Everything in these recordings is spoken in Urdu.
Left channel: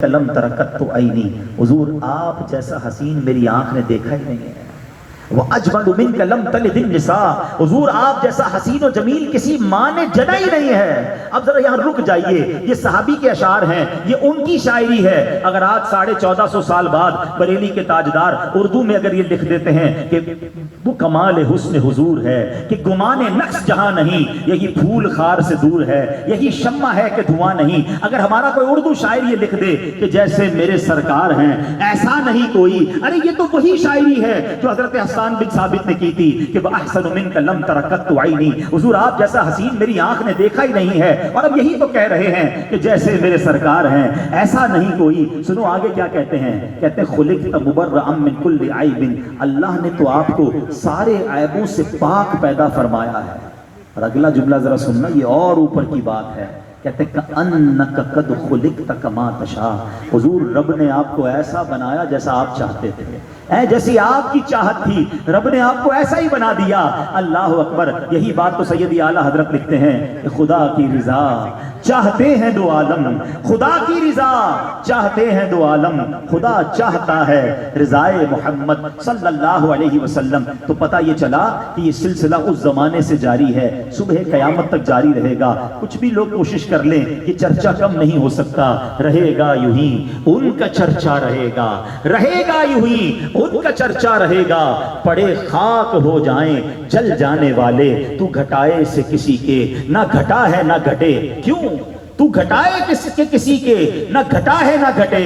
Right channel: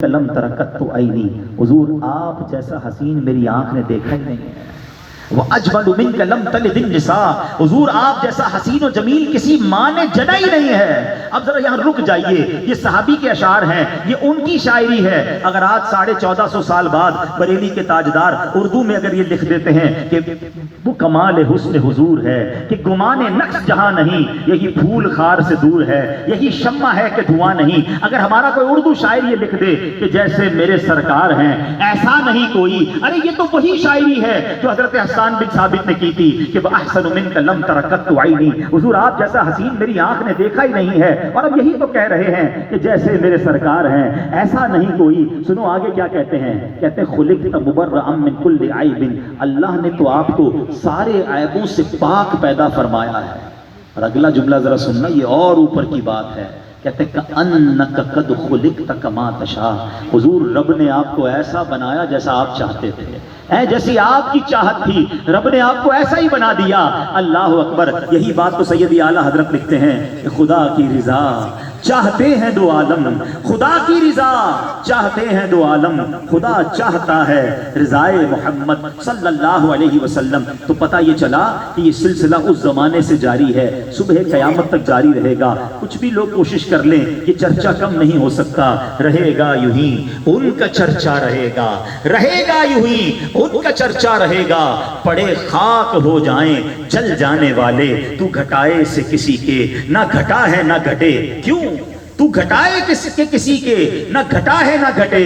لم ترکت تو عینی، حضور آپ جیسا حسین میری آنکھ نے دیکھا ہی نہیں ہے۔ وَأَجْمَلُ مِنْكَ لَمْ تَلِدِ النِّسَاءُ، حضور آپ جیسا حسین و جمیل کسی ماں نے جنا ہی نہیں ہے۔ اب ذرا یہاں رک جائیے، یہ صحابی کے اشعار ہیں، یہ ان کی شاعری ہے۔ اگر آج 1450 سال بعد بریلی کے تاجدار اردو میں اگر یہ لکھ دیتے ہیں کہ وہ کمال حسن حضور ہے کہ گمان نقص جہاں نہیں، یہی پھول خار سے دور ہے، یہی شمع ہے کہ دھواں نہیں، اگر ہمارا کوئی اردو شاعر یہ لکھ دے کہ جیسے میرے سرکار ہیں ایسا نہیں کوئی، ارے یہ تو وہی شاعری ہے جو حضرت حسان بن ثابت نے کی تھی کہ وَأَحْسَنُ مِنْكَ لَمْ تَرَكَتْ عَيْنِي، حضور آپ جیسا حسین میری آنکھ نے دیکھا ہی نہیں ہے۔ اور اب یہی تو کہہ رہے ہیں کہ جیسے میرے سرکار ہیں ایسا نہیں کوئی۔ سنو آگے کیا کہتے ہیں، کہتے ہیں خُلِقْتَ مُبَرَّأً مِنْ كُلِّ عَيْبٍ، اللہ نے تو آپ کو سارے عیبوں سے پاک پیدا فرمایا ہے۔ اور اگلا جملہ ذرا سننا، یہ اور اوپر کی بات ہے، کہتے ہیں کَأَنَّكَ قَدْ خُلِقْتَ كَمَا تَشَاءُ، حضور رب نے آپ کو ایسا بنایا جیسا آپ چاہتے تھے، جیسی آپ کی چاہت تھی رب نے آپ کو ایسا ہی بنا دیا۔ اللہ اکبر، یہی بات تو سیدی اعلیٰ حضرت لکھتے ہیں کہ خدا کی رضا چاہتے ہیں دو عالم، خدا کی رضا چاہتے ہیں دو عالم، خدا چاہتا ہے رضائے محمد صلی اللہ علیہ وسلم۔ تو پتہ یہ چلا کہ یہ سلسلہ اس زمانے سے جاری ہے، صبح قیامت تک جاری رہے گا۔ کچھ بھی لوگ کوشش کر لیں کہ چرچا کم نہیں ہو سکتا، رہے گا یوں ہی ان کا چرچا رہے گا، رہے گا یوں ہی ان کا چرچا رہے گا، پڑے خاک ہو جائیں جل جانے والے، تو گھٹائے سے کسی کے نہ گھٹا ہے نہ گھٹے، کیوں تو گھٹائے کسی کے نہ گھٹا ہے نہ گھٹے،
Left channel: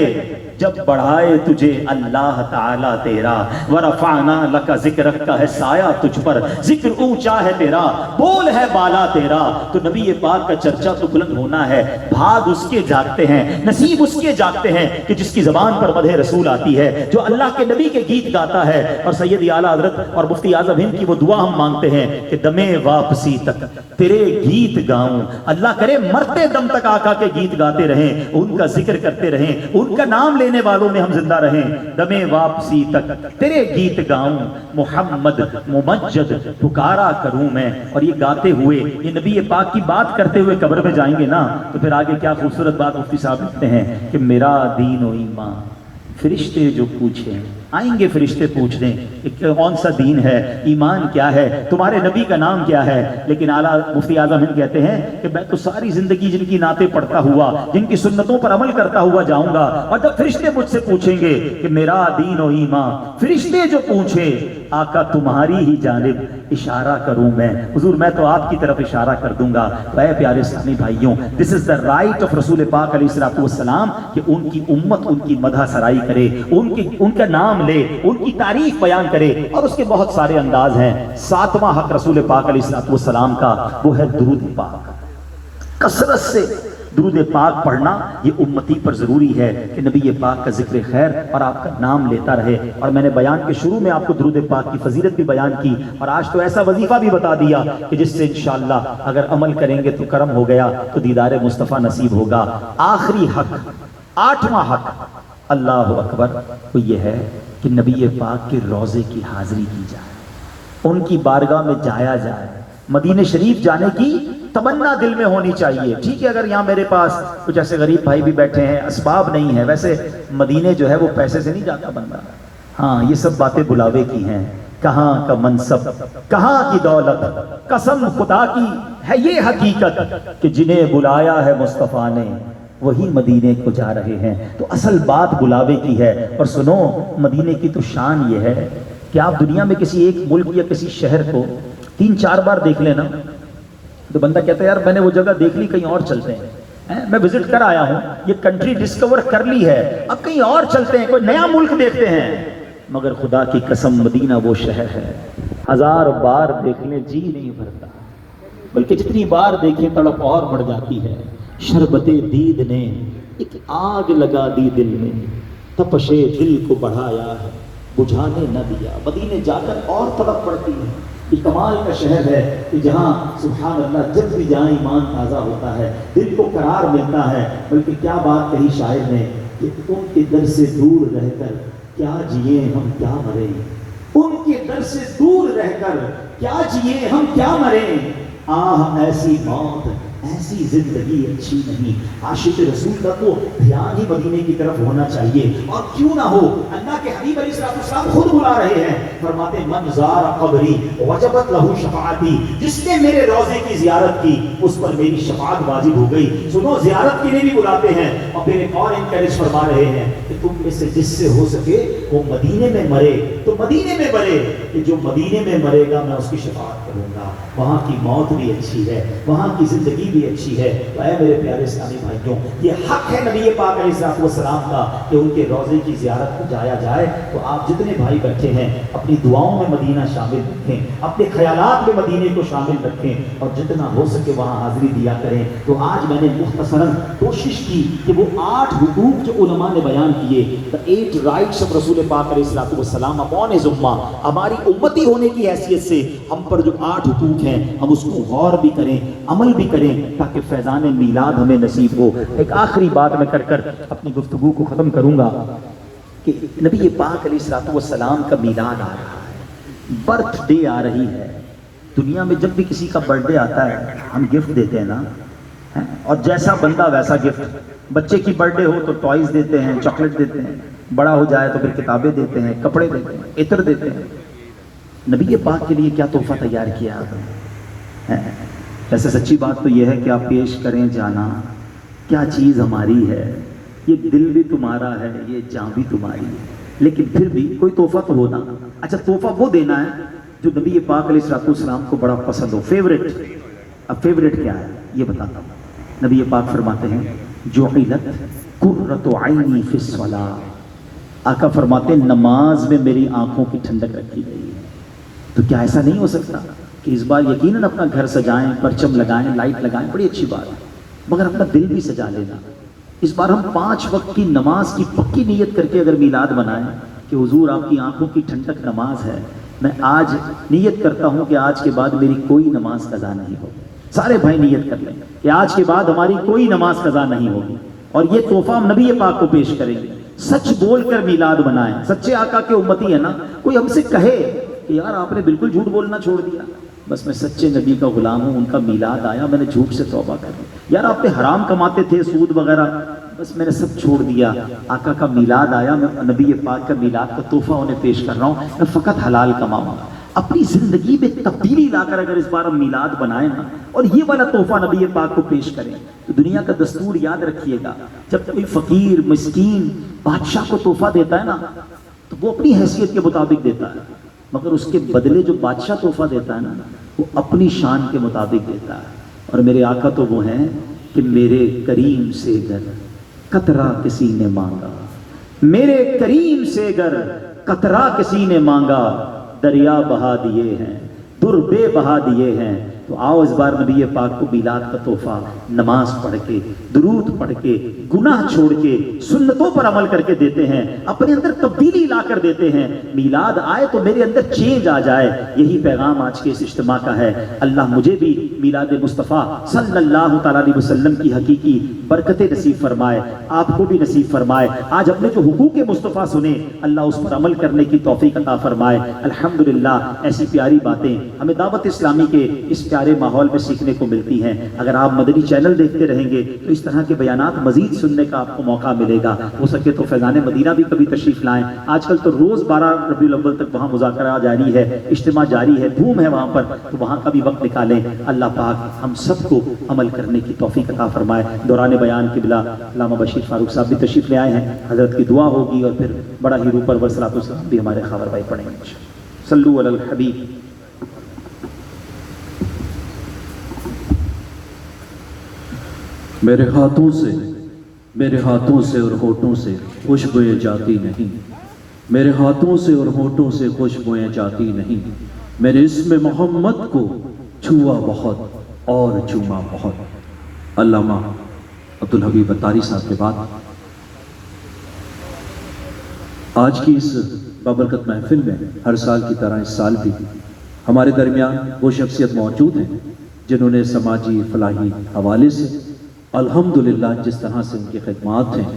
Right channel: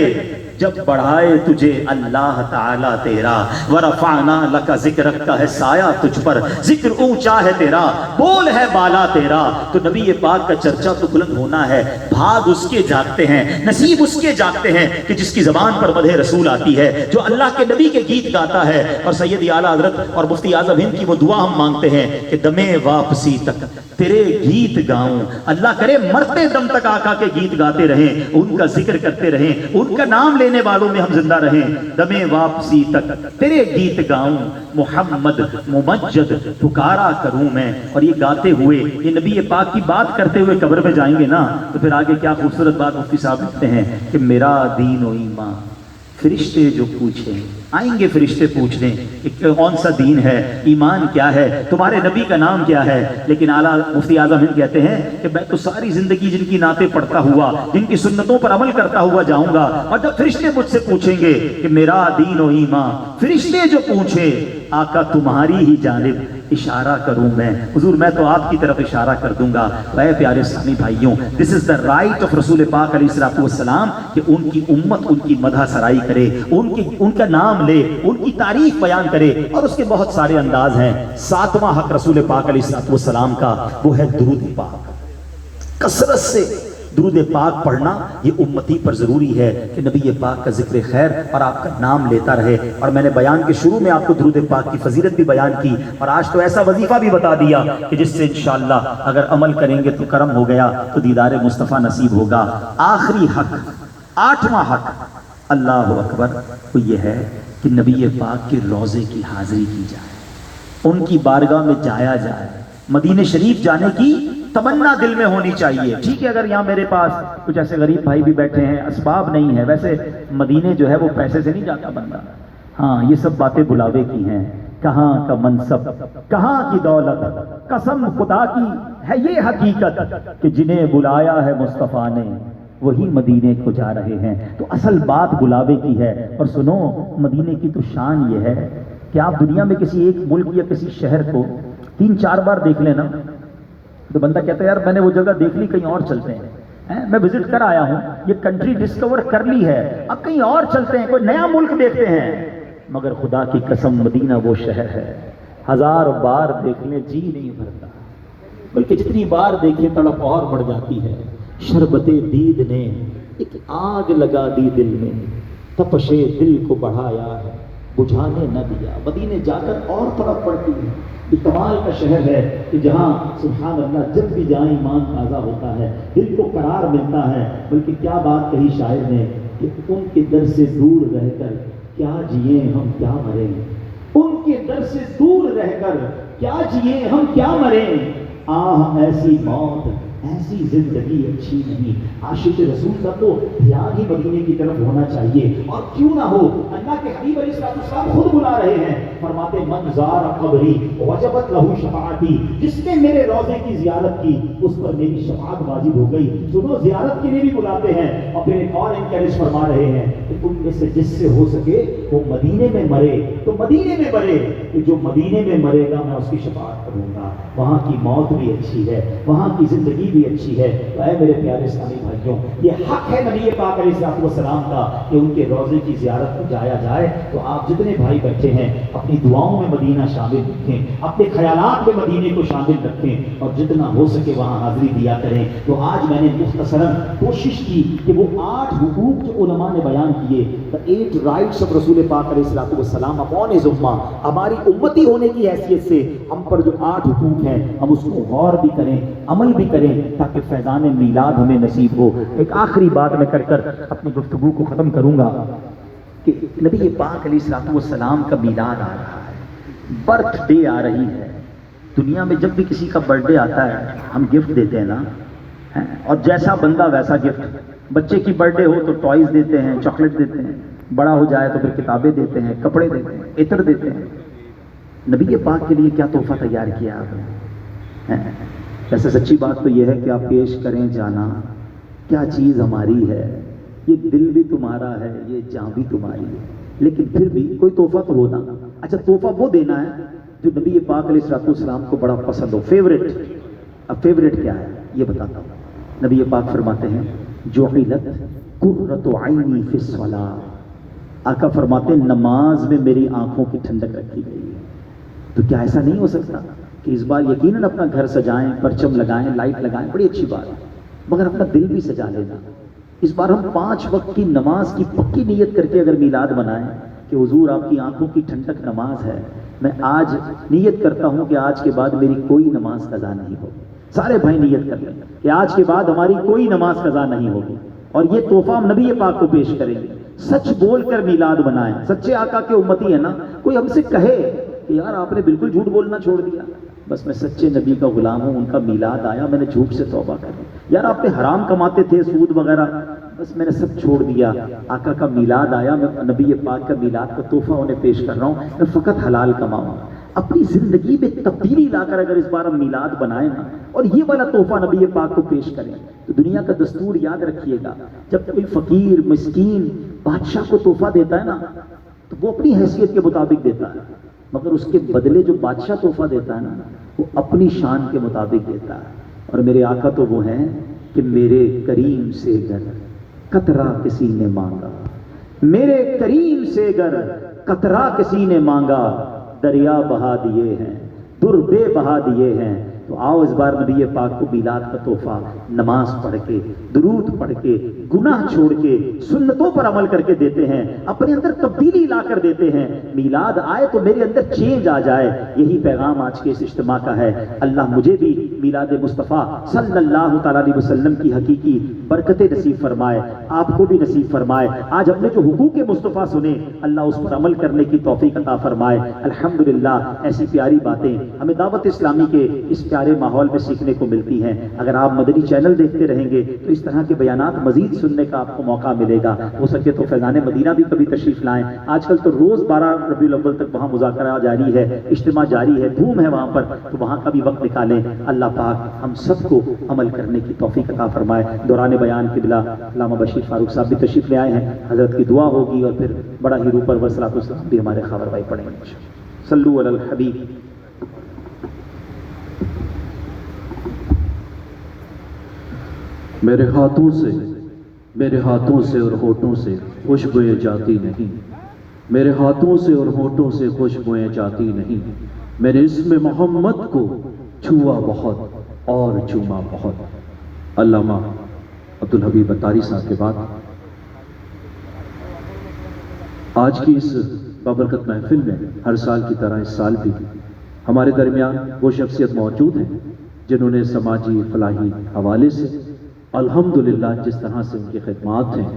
جب بڑھائے تجھے اللہ تعالیٰ تیرا، ورفعنا لک ذکرک کا ہے سایہ تجھ پر، ذکر اونچا ہے تیرا، بول ہے بالا تیرا۔ تو نبی پاک کا چرچا تو بلند ہونا ہے، بھاگ اس کے جاگتے ہیں، نصیب اس کے جاگتے ہیں کہ جس کی زبان پر مدح رسول آتی ہے، جو اللہ کے نبی کے گیت گاتا ہے۔ اور سید اعلیٰ حضرت اور مفتی اعظم ہند کی وہ دعا ہم مانگتے ہیں کہ دمے واپسی تک تیرے گیت گاؤں، اللہ کرے مرتے دم تک آقا کے گیت گاتے رہیں، ان کا ذکر کرتے رہیں، ان کا نام لینے والوں میں ہم زندہ رہیں، دمے واپسی تک تیرے گیت گاؤں، محمد ممجد پکارا کروں میں۔ اور یہ گاتے ہوئے، یہ نبی پاک کی بات کرتے ہوئے قبر میں جائیں گے نا، تو پھر آگے کیا خوبصورت بات مفتی صاحب لکھتے ہیں کہ میرا دین و ایمان فرشتے جو پوچھیں، آئیں گے فرشتے پوچھ لیں کہ کون سا دین ہے، ایمان کیا ہے، تمہارے نبی کا نام کیا ہے۔ لیکن اعلیٰ مفتی اعظم ہند کہتے ہیں کہ میں تو ساری زندگی جن کی نعتیں پڑھتا ہوا، جن کی سنتوں پر عمل کرتا ہوا جاؤں گا، اور جب فرشتے مجھ سے پوچھیں گے کہ میرا دین و ایمان، فرشتے جو پوچھیں آقا تمہاری ہی جانب اشارہ کروں میں، حضور میں تو آپ کی طرف اشارہ کر دوں گا۔ اے پیارے اسلامی بھائیوں، دس از دا رائٹ آف رسول پاک علیہ الصلوۃ والسلام کہ ان کی امت ان کی مدح سرائی کرے، ان کا نام لے، ان کی تعریف بیان کرے۔ اور اس کے بہت سارے انداز ہیں۔ 7واں حق رسول پاک علیہ الصلوۃ والسلام کا وہ ہے درود پاک، کثرت سے درود پاک پڑھنا یہ امتی پر ضروری ہے کہ نبی پاک کا ذکر خیر اور آپ کا نام لیتا رہے۔ اور میں نے بیان کے شروع میں آپ کو درود پاک کی فضیلت بھی بیان کی، اور آج تو ایسا وظیفہ بھی بتا دیا کہ جس سے انشاءاللہ اگر عمل کریں گے تو کرم ہو گیا، تو دیدار مصطفیٰ نصیب ہوگا۔ آخری حق، 8واں حق اللہ اکبر، وہ یہ ہے کہ نبی پاک کے روضے کی حاضری کی جائے، ان کی بارگاہ میں جایا جائے، مدینہ شریف جانے کی تمنا دل میں ہونی چاہیے۔ ٹھیک ہے اگر یہاں میرے پاس کچھ ایسے غریب بھائی بھی بیٹھے ہیں، اسباب نہیں ہے، ویسے مدینے جو ہے وہ پیسے سے نہیں جاتا بندہ، ہاں یہ سب باتیں بلاوے کی ہیں۔ کہاں کا منصب، کہاں کی دولت، قسم خدا کی ہے یہ حقیقت کہ جنہیں بلایا ہے مصطفیٰ نے وہی مدینے کو جا رہے ہیں۔ تو اصل بات بلاوے کی ہے۔ اور سنو، مدینے کی تو شان یہ ہے کہ آپ دنیا میں کسی ایک ملک یا کسی شہر کو 3-4 بار دیکھ لینا تو بندہ کہتا ہے یار میں نے وہ جگہ دیکھ لی، کہیں اور چلتے ہیں، میں وزٹ کر آیا ہوں، یہ کنٹری ڈسکور کر لی ہے، اب کہیں اور چلتے ہیں، کوئی نیا ملک دیکھتے ہیں۔ مگر خدا کی قسم مدینہ وہ شہر ہے 1000 بار دیکھنے جی نہیں بھرتا، بلکہ جتنی بار دیکھے تڑپ اور بڑھ جاتی ہے۔ شربت دید نے ایک آگ لگا دی دل میں، تپش دل کو بڑھایا ہے بجھانے نہ دیا۔ مدینے جا کر اور تڑپ پڑتی ہے۔ یہ کمال کا شہر ہے کہ جہاں سبحان اللہ جب بھی جائیں ایمان تازہ ہوتا ہے، دل کو قرار ملتا ہے۔ بلکہ کیا بات کہی شاعر نے کہ ان کے در سے دور رہ کر کیا جیے ہم کیا مریں، ان کے در سے دور رہ کر کیا جیے ہم کیا مریں، آہ ایسی موت ایسی زندگی اچھی نہیں. عاشق رسول کا تو دھیان ہی مدینے کی طرف ہونا چاہیے. اور کیوں نہ ہو, اللہ کے حبیب علیہ السلام خود بلا رہے ہیں, فرماتے من زار قبری وجبت لہ شفاعتی, جس نے میرے روضے کی زیارت کی اس پر میری شفاعت واجب ہو گئی. سنو, زیارت کے لیے بھی بلاتے ہیں. اور پھر ایک اور انکریج فرما رہے ہیں کہ تم میں سے جس سے ہو سکے وہ مدینے میں مرے تو مدینے میں مرے, کہ جو مدینے میں مرے گا میں اس کی شفاعت کروں گا. وہاں کی موت بھی اچھی ہے, وہاں کی زندگی بھی اچھی ہے. تو اے میرے پیارے اسلامی بھائیوں, یہ حق ہے نبی پاک علیہ السلام کا کہ ان کے روضے کی زیارت کو جایا جائے. تو آپ جتنے بھائی بیٹھے ہیں اپنی دعاؤں میں مدینہ شامل رکھیں, اپنے خیالات میں مدینے کو شامل رکھیں, اور جتنا ہو سکے وہاں حاضری دیا کریں. تو آج میں نے مختصراً کوشش کی کہ وہ 8 حقوق جو علماء نے بیان کیے, the 8 rights of رسول پاک علیہ السلام upon his ummah, ہماری امتی ہونے کی حیثیت سے ہم پر جو 8 حقوق ہیں ہم اس کو غور بھی کریں, عمل بھی کریں, تاکہ فیضان میلاد ہمیں نصیب ہو. ایک آخری بات میں کر اپنی گفتگو کو ختم کروں گا کہ نبی پاک علیہ السلام کا میلاد آ رہا ہے, برتھ ڈے آ رہی ہے. دنیا میں جب بھی کسی کا برتھ ڈے آتا ہے ہم گفٹ دیتے ہیں نا, اور جیسا بندہ ویسا گفٹ. بچے کی برتھ ڈے ہو تو ٹوائز دیتے ہیں, چاکلیٹ دیتے ہیں, بڑا ہو جائے تو پھر کتابیں دیتے ہیں, کپڑے دیتے ہیں, عطر دیتے ہیں. نبی پاک کے لیے کیا تحفہ تیار کیا آپ نے؟ ویسے سچی بات تو یہ ہے کہ آپ پیش کریں جانا, کیا چیز ہماری ہے, یہ دل بھی تمہارا ہے, یہ جان بھی تمہاری ہے, لیکن پھر بھی کوئی تحفہ تو ہونا. اچھا, تحفہ وہ دینا ہے جو نبی پاک علیہ السلام کو بڑا پسند ہو, فیوریٹ. اب فیوریٹ کیا ہے یہ بتاتا ہوں. نبی پاک فرماتے ہیں جعلت قرۃ عینی فی الصلاۃ, آقا فرماتے ہیں نماز میں میری آنکھوں کی ٹھنڈک رکھی گئی ہے. تو کیا ایسا نہیں ہو سکتا کہ اس بار یقیناً اپنا گھر سجائیں, پرچم لگائیں, لائٹ لگائیں, بڑی اچھی بات ہے, مگر اپنا دل بھی سجا لینا. اس بار ہم 5 وقت کی نماز کی پکی نیت کر کے اگر میلاد منائیں کہ حضور آپ کی آنکھوں کی ٹھنڈک نماز ہے, میں آج نیت کرتا ہوں کہ آج کے بعد میری کوئی نماز قضا نہیں ہوگی. سارے بھائی نیت کر لیں کہ آج کے بعد ہماری کوئی نماز قضا نہیں ہوگی, اور یہ تحفہ ہم نبی پاک کو پیش کریں گے. سچ بول کر میلاد منائیں, سچے آقا کے امتی ہے نا. کوئی ہم سے کہے کہ یار آپ نے بالکل جھوٹ بولنا چھوڑ دیا, بس میں سچے نبی کا غلام ہوں, ان کا میلاد آیا, میں نے جھوٹ سے توبہ کر لی. یار آپ نے حرام کماتے تھے, سود وغیرہ, بس میں نے سب چھوڑ دیا. آقا کا میلاد آیا, میں نبی پاک کا میلاد کا تحفہ انہیں پیش کر رہا ہوں, میں فقط حلال کماؤں گا. اپنی زندگی میں تبدیلی لا کر اگر اس بار ہم میلاد بنائیں نا اور یہ والا تحفہ نبی پاک کو پیش کریں, تو دنیا کا دستور یاد رکھیے گا, جب کوئی فقیر مسکین بادشاہ کو تحفہ دیتا ہے نا تو وہ اپنی حیثیت کے مطابق دیتا ہے, مگر اس کے بدلے جو بادشاہ تحفہ دیتا ہے نا وہ اپنی شان کے مطابق دیتا ہے. اور میرے آقا تو وہ ہیں کہ میرے کریم سے گر قطرہ کسی نے مانگا, میرے کریم سے گر قطرہ کسی نے مانگا, دریا بہا دیے ہیں, در بے بہا دیے ہیں. تو آؤ اس بار نبی پاک کو میلاد کا تحفہ نماز پڑھ کے, درود پڑھ کے, گناہ چھوڑ کے, سنتوں پر عمل کر کے دیتے ہیں, اپنے اندر تبدیلی لا کر دیتے ہیں. میلاد آئے تو میرے اندر چینج آ جائے, یہی پیغام آج کے اس اجتماع کا ہے. اللہ مجھے بھی میلاد مصطفیٰ صلی اللہ تعالیٰ علیہ وسلم کی حقیقی برکتیں نصیب فرمائے, آپ کو بھی نصیب فرمائے. آج ہم نے جو حقوق مصطفیٰ سنے, اللہ اس پر عمل کرنے کی توفیق عطا فرمائے. الحمدللہ ایسی پیاری باتیں ہمیں دعوت اسلامی کے اس پیارے ماحول میں سیکھنے کو ملتی ہیں. اگر آپ مدنی چینل دیکھتے رہیں گے تو اس طرح کے بیانات مزید سننے کا آپ کو موقع ملے گا. ہو سکے تو فیضان مدینہ بھی کبھی تشریف لائیں. آج کل تو روز 12 ربیع الاول تک وہاں مذاکرہ جاری ہے, اجتماع جاری ہے, دھوم ہے وہاں پر, تو وہاں کا بھی وقت نکالیں. اللہ پاک ہم سب کو عمل کرنے کی توفیق عطا فرمائے. دوران بیان قبلہ علامہ بشیر فاروق صاحب بھی تشریف لے آئے ہیں, حضرت کی دعا ہوگی اور پھر بڑا ہی روپر والصلاۃ والسلام بھی ہمارے خاور بھائی پڑھیں گے. صلو علی الحبیب. میرے ہاتھوں سے اور ہونٹوں سے خوشبوئیں جاتی نہیں, میرے ہاتھوں سے اور ہونٹوں سے خوشبوئیں جاتی نہیں. میں نے اسم محمد کو چھوا بہت اور چوما بہت. علامہ عبدالحبیب اتاری صاحب کے بعد آج کی اس بابرکت محفل میں ہر سال کی طرح اس سال بھی ہمارے درمیان وہ شخصیت موجود ہیں جنہوں نے سماجی فلاحی حوالے سے الحمدللہ جس طرح سے ان کی خدمات ہیں,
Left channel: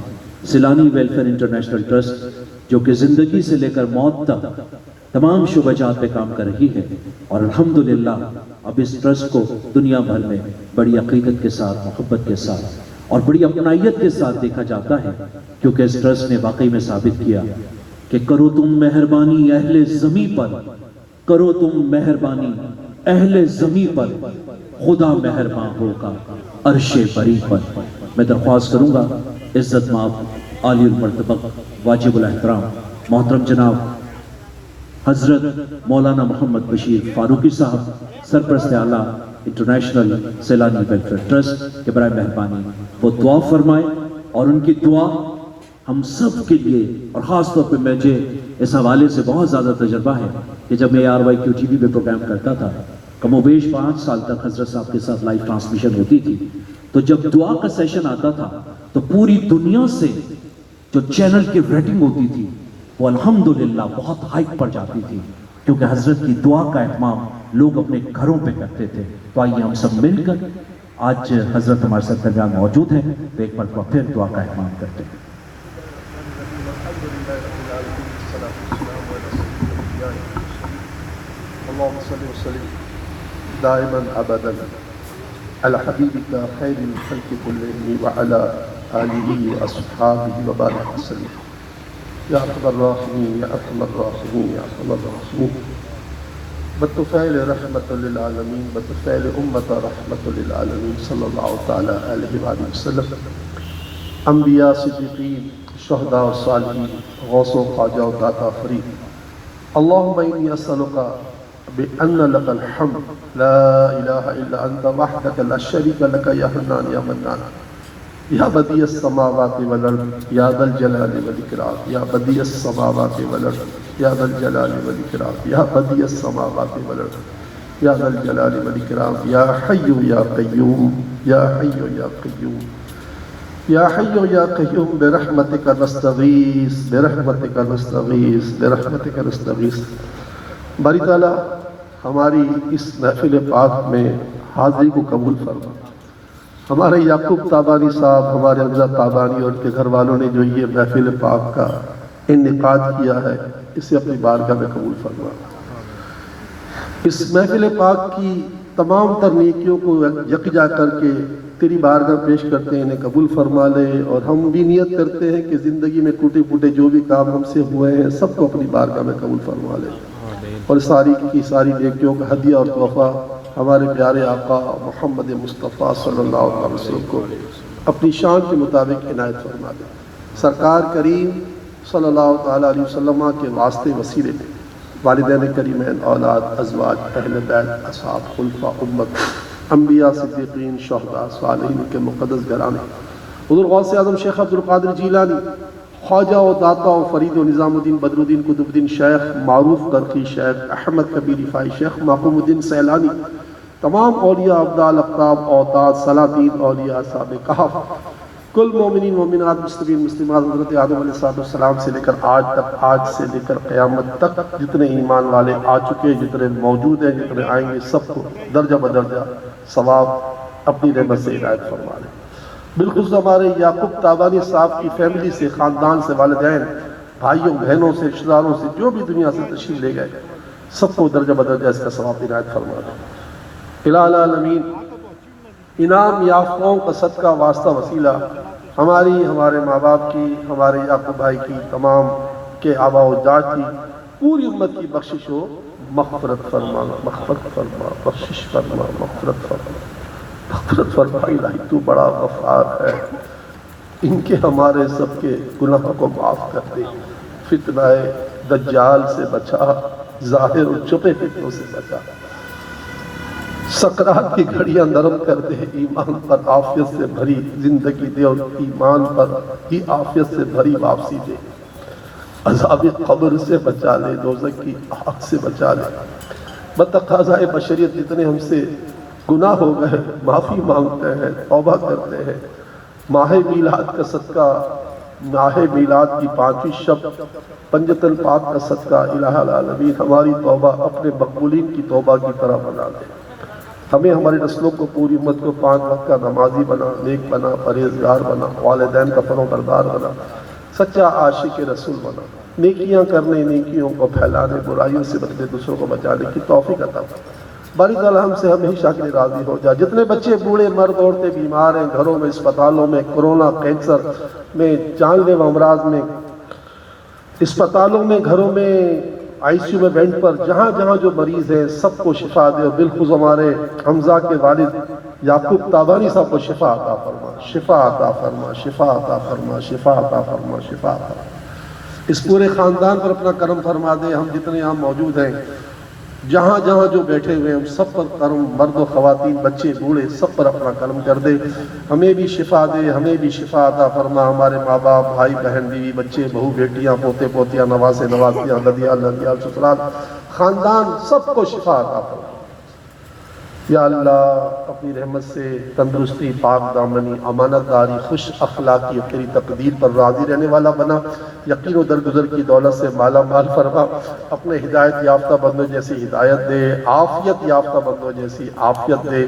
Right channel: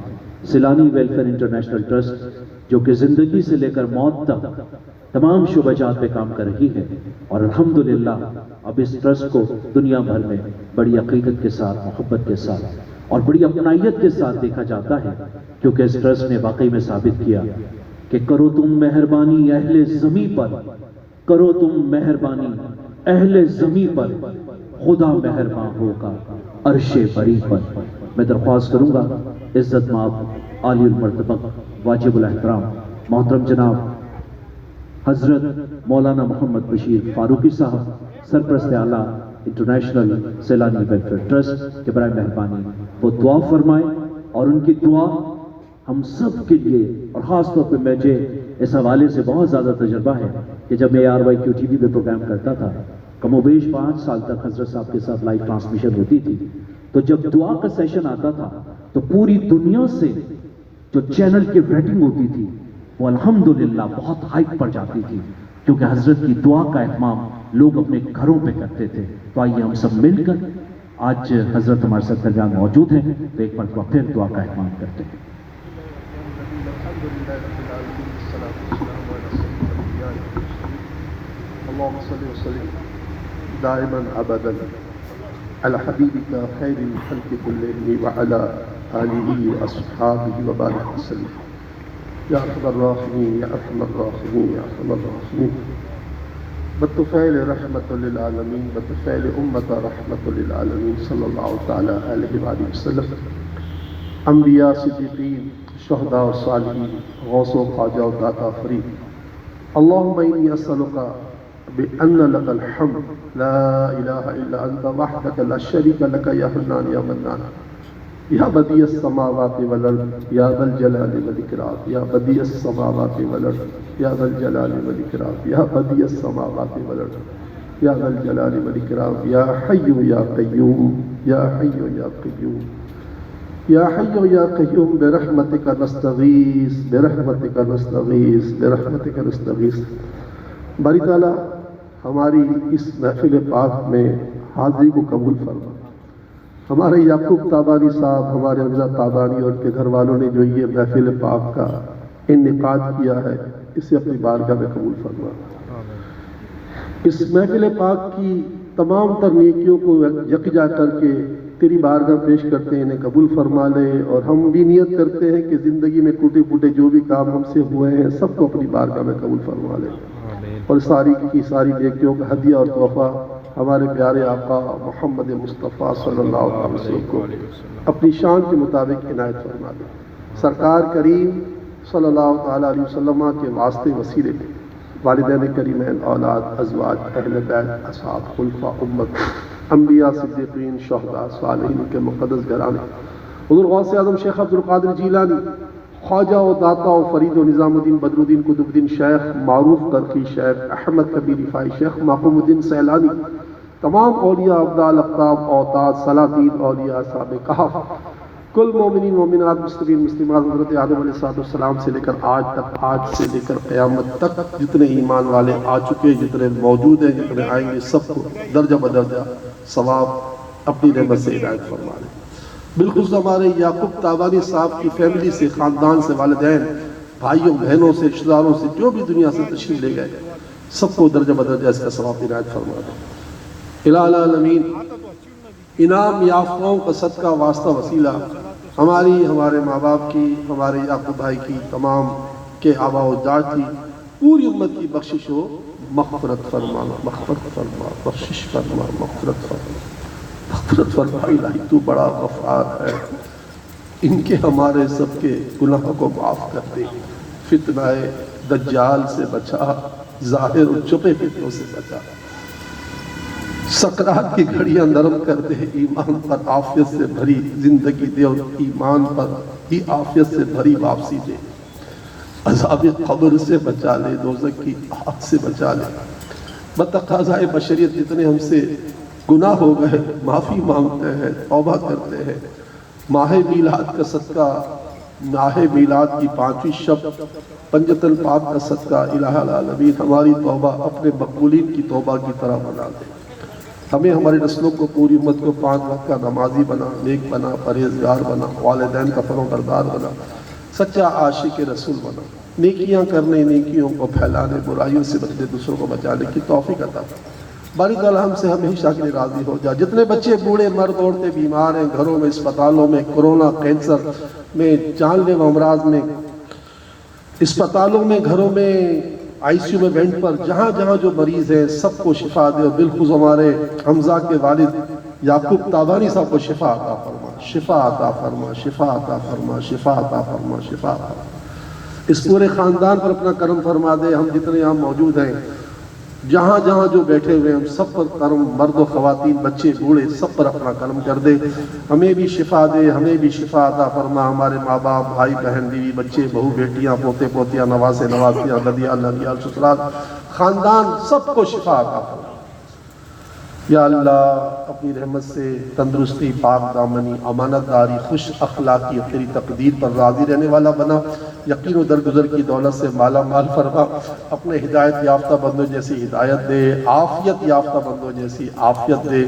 سیلانی ویلفیئر انٹرنیشنل ٹرسٹ جو کہ زندگی سے لے کر موت تک تمام شعبہ جات پہ کام کر رہی ہے، اور الحمدللہ اب اس ٹرسٹ کو دنیا بھر میں بڑی عقیدت کے ساتھ، محبت کے ساتھ اور بڑی اپنائیت کے ساتھ دیکھا جاتا ہے، کیونکہ اس ٹرسٹ نے واقعی میں ثابت کیا کہ کرو تم مہربانی اہل زمیں پر، کرو تم مہربانی اہل زمیں پر، خدا مہربان ہوگا عرش بری پر۔ میں درخواست کروں گا عزت مآب عالی المرتبہ واجب الاحترام محترم جناب حضرت مولانا محمد بشیر فاروقی صاحب، سرپرست اعلیٰ انٹرنیشنل سیلانی ویلفیئر ٹرسٹ، کہ برائے مہربانی وہ دعا فرمائیں، اور ان کی دعا ہم سب کے لیے، اور خاص طور پہ مجھے اس حوالے سے بہت زیادہ تجربہ ہے کہ جب میں ARYQTV پہ پروگرام کرتا تھا، کم و بیش 5 سال تک حضرت صاحب کے ساتھ لائیو ٹرانسمیشن ہوتی تھی، تو جب دعا کا سیشن آتا تھا تو پوری دنیا سے جو چینل کی ریٹنگ ہوتی تھی وہ الحمدللہ بہت ہائپ پر جاتی تھی، کیونکہ حضرت کی دعا کا اہتمام لوگ اپنے گھروں پہ کرتے تھے۔ تو آئیے ہم سب مل کر، آج حضرت ہمارے ساتھ درمیان موجود ہیں، تو ایک مرتبہ پھر دعا کا اہتمام کرتے ہیں۔ اللهم صل وسلم دائما ابدا على حبيبك خير الخلق كلهم وعلى اله واصحابه وبارك وسلم يا ارحم الراحمين يا ارحم الراحمين يا ارحم الراحمين بالطفيل رحمة للعالمين بالطفيل أمة رحمة للعالمين صلى الله تعالى عليه وآله وسلم انبیاء صدیقین شہداء و صالحین غوث و خواجہ و داتا فرید اللهم إني أسألك بأن لك الحمد لا إله إلا أنت وحدك لا شريك لك يا حنان يا منان يا بديع السماوات والأرض يا ذا الجلال والإكرام يا بديع السماوات والأرض يا ذا الجلال والإكرام يا بديع السماوات والأرض يا ذا الجلال والإكرام يا حي يا قيوم يا حي يا قيوم يا حي يا قيوم برحمتك نستغيث برحمتك نستغيث برحمتك نستغيث۔ باری تعالیٰ ہماری اس محفل پاک میں حاضری کو قبول فرما۔ ہمارے یعقوب تابانی صاحب، ہمارے حمزہ تابانی اور ان کے گھر والوں نے جو یہ محفل پاک کا انعقاد کیا ہے، اسے اپنی بارگاہ میں قبول فرما۔ اس محفل پاک کی تمام تر نیکیوں کو یکجا کر کے تیری بارگاہ پیش کرتے ہیں، انہیں قبول فرما لے، اور ہم بھی نیت کرتے ہیں کہ زندگی میں ٹوٹے پھوٹے جو بھی کام ہم سے ہوئے ہیں سب کو اپنی بارگاہ میں قبول فرما لے، اور ساری کی ساری نیکیوں کا ہدیہ اور تحفہ ہمارے پیارے آقا محمد مصطفیٰ صلی اللہ علیہ وسلم کو اپنی شان کے مطابق عنایت فرما دے۔ سرکار کریم صلی اللہ تعالیٰ علیہ وسلم کے واسطے وسیلے میں والدین کریمین، اولاد، ازواج، اہل بیت، اصحاب، خلفاء امت، انبیاء، صدیقین، شہداء، صالحین کے مقدس گھرانے، حضور غوث اعظم شیخ عبد القادر جیلانی، خواجہ و داتا و فرید و نظام الدین بدر الدین قطب الدین شیخ معروف برقی، شیخ احمد کبیر رفاعی، شیخ محفوظ الدین سیلانی، تمام اولیاء افضال اقطاب اوتاد سلاطین اولیاء اصحاب کہف، کل مومنین مومنات مستقیم مسلمات، حضرت آدم علیہ السلام سے لے کر آج تک، آج سے لے کر قیامت تک جتنے ایمان والے آ چکے، جتنے موجود ہیں، جتنے آئیں گے، سب کو درجہ بدرجہ ثواب اپنی رحمت سے ہدایت فرما لے۔ بالخصوص ہمارے یعقوب تابانی صاحب کی فیملی سے، خاندان سے، والدین، بھائیوں، بہنوں سے، رشتہ داروں سے، جو بھی دنیا سے تشریف لے گئے، سب کو درجہ بدرجہ اس کا ثواب عنایت فرما دے۔ الہ العالمین انعام یافتوں کا صدقہ واسطہ وسیلہ ہماری، ہمارے ماں باپ کی، ہمارے یعقوب بھائی کی، تمام کے آباء و اجداد کی، پوری امت کی بخشش ہو، مغفرت فرما، مغفرت فرما، بخشش فرما، مغفرت فرما، مغفرت فرما۔ الہی تو بڑا غفار ہے، ان کے ہمارے سب کے گناہوں کو معاف کر دے، فتنہ دجال سے بچا، ظاہر و چھپے فتنوں سے بچا، سکرات کی گھڑیاں نرم کر دے، ایمان پر عافیت سے بھری زندگی دے، اور ایمان پر ہی عافیت سے بھری واپسی دے، عذاب قبر سے بچا لے، دوزخ کی آگ سے بچا لے۔ بتقاضائے بشریت جتنے ہم سے گناہ ہو گئے، معافی مانگتے ہیں، توبہ کرتے ہیں۔ ماہ میلاد کا صدقہ، ماہ میلاد کی 5ویں شب پنجت الپاک کا صدقہ، الہ العالمین ہماری توبہ اپنے مقبولین کی توبہ کی طرح بنا دے۔ ہمیں، ہماری نسلوں کو، پوری امت کو 5 وقت کا نمازی بنا، نیک بنا، پرہیزگار بنا، والدین کا فرما بردار بنا، سچا عاشق رسول بنا۔ نیکیاں کرنے، نیکیوں کو پھیلانے، برائیوں سے بچنے، دوسروں کو بچانے کی توفیق عطا فرما۔ باری تعالیٰ ہم سے ہمیشہ کے لیے راضی ہو جائے۔ جتنے بچے بوڑھے مرد عورتیں بیمار ہیں، گھروں میں، اسپتالوں میں، کورونا، کینسر میں، جان لیوا امراض میں، اسپتالوں میں، گھروں میں، آئی سی یو میں، بینڈ پر، جہاں جہاں جو مریض ہیں سب کو شفا دے، اور بالخصوص ہمارے حمزہ کے والد یعقوب تابانی صاحب کو شفا عطا فرما، شفا عطا فرما، شفا عطا فرما، شفا عطا فرما، شفا عطا فرما۔ اس پورے خاندان پر اپنا کرم فرما دے۔ ہم جتنے یہاں موجود ہیں، جہاں جہاں جو بیٹھے ہوئے ہیں، ہم سب پر کرم، مرد و خواتین، بچے بوڑھے، سب پر اپنا کرم کر دے۔ ہمیں بھی شفا دے، ہمیں بھی شفا عطا فرما۔ ہمارے ماں باپ، بھائی بہن، بیوی بچے، بہو بیٹیاں، پوتے پوتیاں، نواسے نواسیاں، ددیال ددیال، سسرال، خاندان، سب کو شفا عطا فرما۔ یا اللہ اپنی رحمت سے تندرستی، پاک دامنی، امانت داری، خوش اخلاقی، تیری تقدیر پر راضی رہنے والا بنا۔ یقین و درگزر کی دولت سے مالا مال فرما۔ اپنے ہدایت یافتہ بندوں جیسی ہدایت دے، عافیت یافتہ بندوں جیسی عافیت دے۔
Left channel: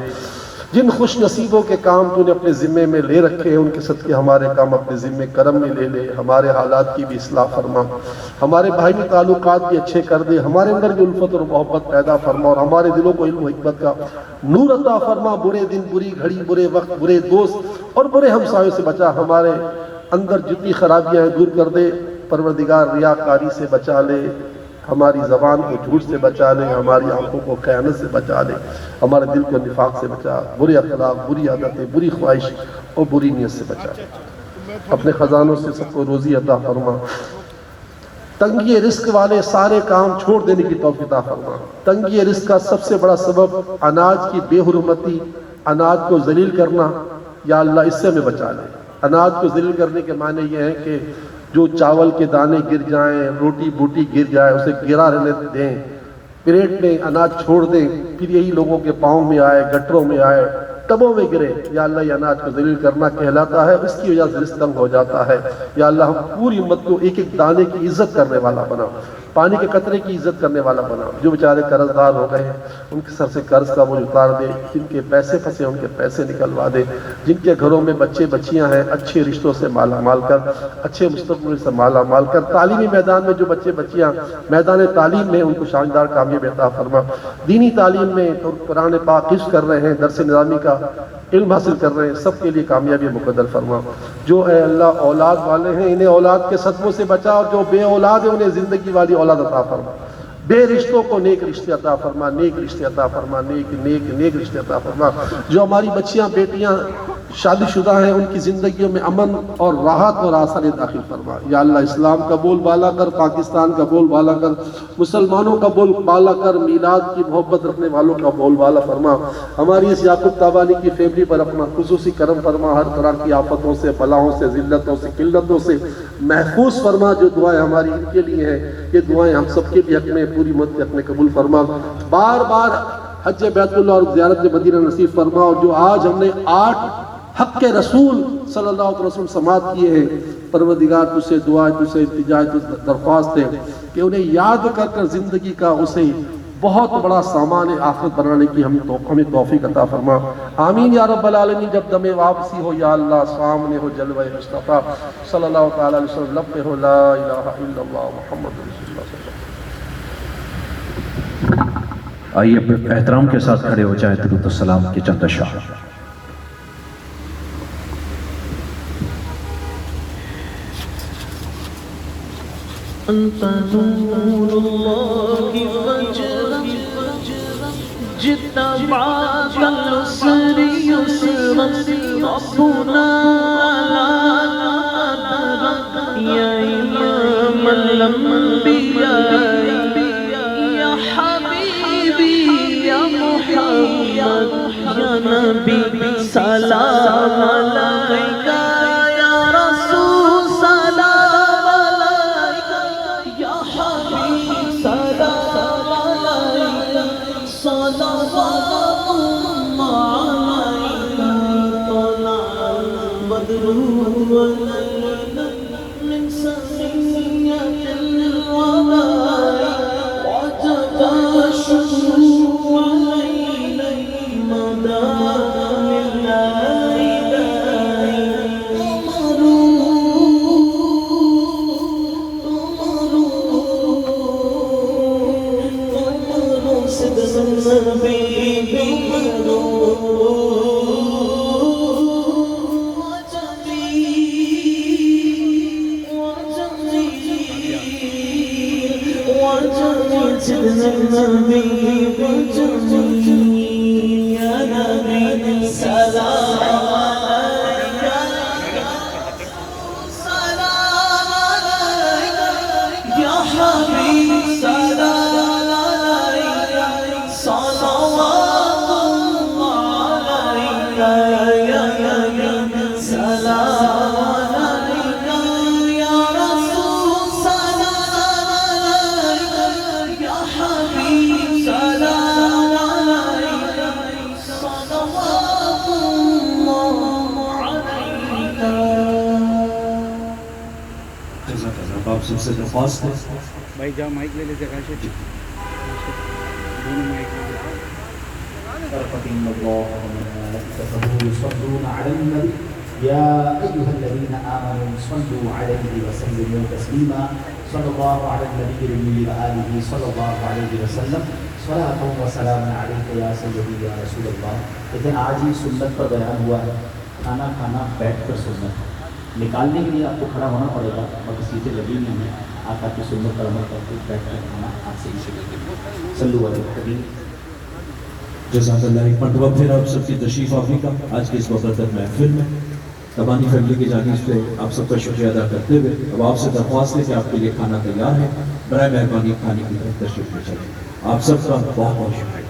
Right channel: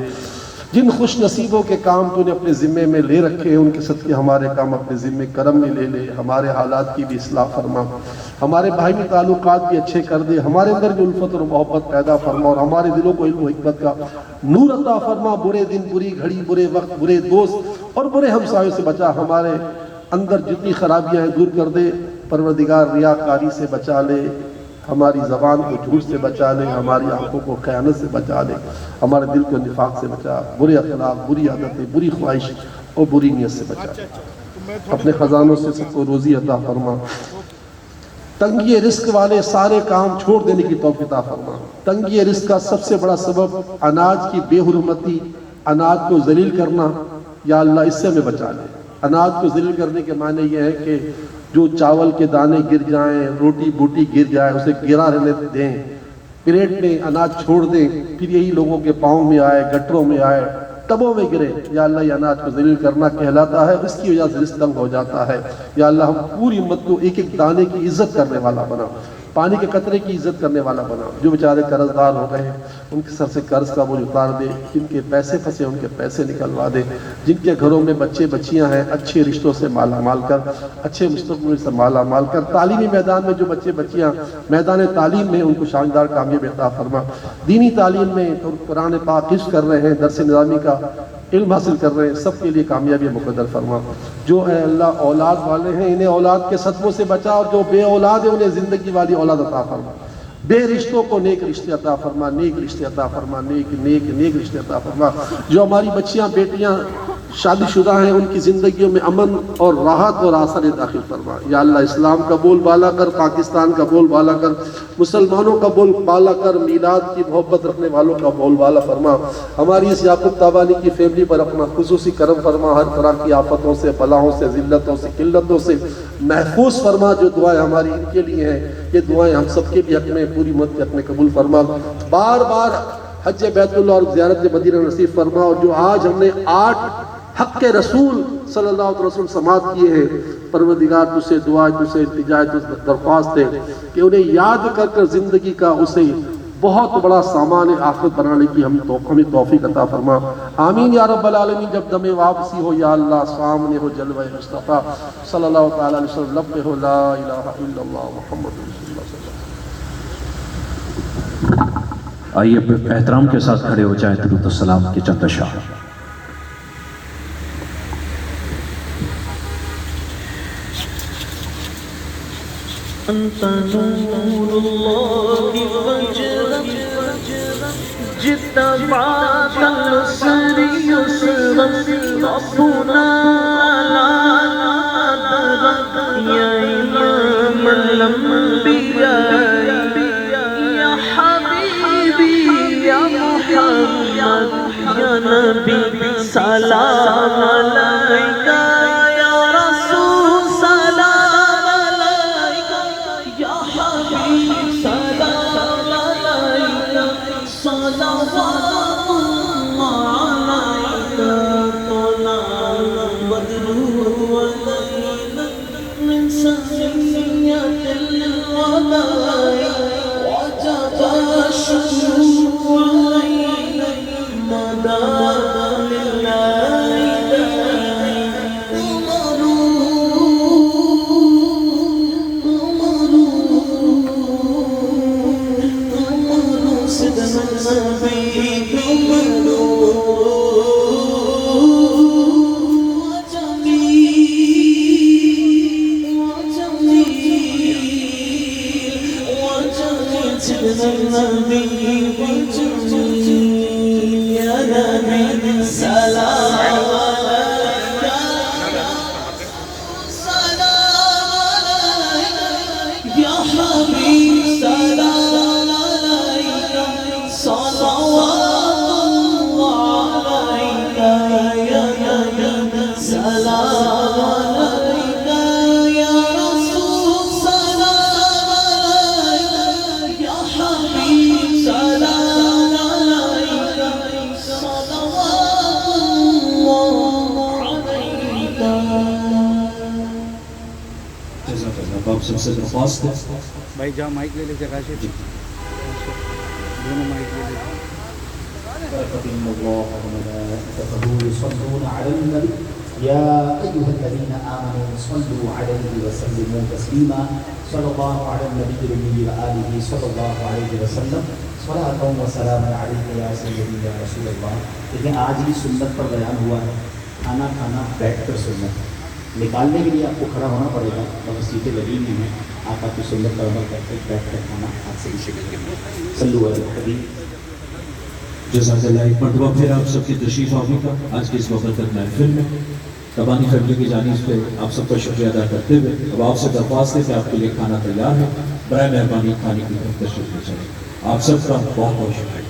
جن خوش نصیبوں کے کام تو نے اپنے ذمے میں لے رکھے ہیں، ان کے صدقے ہمارے کام اپنے ذمے کرم میں لے لے۔ ہمارے حالات کی بھی اصلاح فرما، ہمارے باہمی تعلقات بھی اچھے کر دے، ہمارے اندر بھی الفت اور محبت پیدا فرما، اور ہمارے دلوں کو علم و حکمت کا نور عطا فرما۔ برے دن، بری گھڑی، برے وقت، برے دوست اور برے ہمسایوں سے بچا۔ ہمارے اندر جتنی خرابیاں ہیں دور کر دے۔ پروردگار ریاکاری سے بچا لے، ہماری زبان کو جھوٹ سے بچا لے، ہماری آنکھوں کو خیانت سے بچا لے، ہمارے دل کو نفاق سے بچا، برے اخلاق، بری عادتیں، بری خواہش اور بری نیت سے بچا لے۔ اپنے خزانوں سے سب کو روزی عطا فرما۔ تنگی رزق والے سارے کام چھوڑ دینے کی توفیق عطا فرما۔ تنگی رزق کا سب سے بڑا سبب اناج کی بے حرمتی، اناج کو ذلیل کرنا، یا اللہ اس سے ہمیں بچا لے۔ اناج کو ذلیل کرنے کے معنی یہ ہے کہ جو چاول کے دانے گر جائیں، روٹی بوٹی گر جائے، اسے گرا رہنے دیں، پلیٹ میں اناج چھوڑ دیں، پھر یہی لوگوں کے پاؤں میں آئے، گٹروں میں آئے، ٹبوں میں گرے۔ یا اللہ یہ اناج کو ذلیل کرنا کہلاتا ہے، اس کی وجہ سے رزق تنگ ہو جاتا ہے۔ یا اللہ ہم پوری امت کو ایک ایک دانے کی عزت کرنے والا بنا، پانی کے قطرے کی عزت کرنے والا بنا۔ جو بیچارے قرض دار ہو گئے ہیں ان کے سر سے قرض کا بوجھ اتار دے، جن کے پیسے پھنسے ان کے پیسے نکلوا دے، جن کے گھروں میں بچے بچیاں ہیں اچھے رشتوں سے مالا مال کر، اچھے مستقبل سے مالا مال کر۔ تعلیمی میدان میں جو بچے بچیاں میدان تعلیم میں، ان کو شاندار کامیابی عطا فرما۔ دینی تعلیم میں تو قرآن پاک حفظ کر رہے ہیں، درس نظامی کا علم حاصل کر رہے ہیں، سب کے لیے کامیابی مقدر فرما۔ جو اے اللہ اولاد والے ہیں انہیں اولاد کے صدموں سے بچا، اور جو بے اولاد ہیں انہیں زندگی والی اولاد عطا فرما۔ بے رشتوں کو نیک رشتے عطا فرما، نیک رشتے عطا فرما، نیک رشتے عطا فرما۔ جو ہماری بچیاں بیٹیاں شادی شدہ ہیں ان کی زندگیوں میں امن اور راحت اور آسانی داخل فرما۔ یا اللہ اسلام کا بول بالا کر، پاکستان کا بول بالا کر، مسلمانوں کا بول بالا کر، میلاد کی محبت رکھنے والوں کا بول بالا فرما۔ ہماری اس یعقوب تابانی کی فیملی پر اپنا خصوصی کرم فرما، ہر طرح کی آفتوں سے، بلاؤں سے، ذلتوں سے، قلتوں سے محفوظ فرما۔ جو دعائیں ہماری ان کے لیے ہیں یہ دعائیں ہم سب کے لیے حق میں، پوری امت کے حق میں قبول فرما۔ بار بار حج بیت اللہ اور زیارت مدینہ نصیب فرما۔ اور جو آج ہم نے 8 حق کے رسول صلی اللہ علیہ وسلم سماعت کیے ہیں، پروردگار تجھ سے دعا، تجھ سے التجا، تجھ سے درخواست ہے کہ انہیں یاد کر کر زندگی کا اسے بہت بڑا سامان آخرت بنانے کی ہمیں توفیق عطا فرما۔ آمین یا رب العالمین۔ جب دم واپسی ہو یا اللہ سامنے ہو جلوہ مصطفیٰ صلی اللہ تعالیٰ علیہ وسلم، لب پہ ہو لا الہ الا اللہ محمد رسول اللہ صلی اللہ علیہ وسلم۔ آئیے اپنے احترام کے ساتھ کھڑے ہو جائیں، درود و سلام کی چند اشعار۔ أنت نور الله وجهك جئت بعد العسر يسرا ربنا لا قدرك يا إمام الأنبياء يا حبيبي يا محمد يا نبي سلام عليك من سخية الوضع آپ سب سے درخواست ہے بھائی جا مائک لے لے جگہ سے دونوں مائک لے لے إن الله وملائكته يصلون على النبي يا أيها الذين آمنوا صلوا عليه وسلموا تسليما صلى الله على النبي الأمي وآله صلى الله عليه وسلم صلاة وسلام عليك يا سيدي يا رسول الله. لیکن آج ہی سنت پر بیان ہوا ہے کھانا کھانا بیٹھ کر سنت نکالنے کے لیے آپ کو کھڑا ہونا پڑے گا اور سیٹیں لگی نہیں ہیں آپ کی سنت پر عمل کر کے بیٹھ کر کھانا آپ سے سیکھیں گے. صلو علی النبی. جزاک اللہ. ایک مرتبہ پھر آپ سب کی تشریف آوری کا آج کے اس مقدس محفل میں ربانی فیملی کی جانب سے آپ سب کا شکریہ ادا کرتے ہوئے اب آپ سے درخواست ہے کہ آپ کے لیے کھانا تیار ہے. برائے مہربانی کھانے کی طرف تشریف لے چلیں. آپ سب کا بہت بہت شکریہ.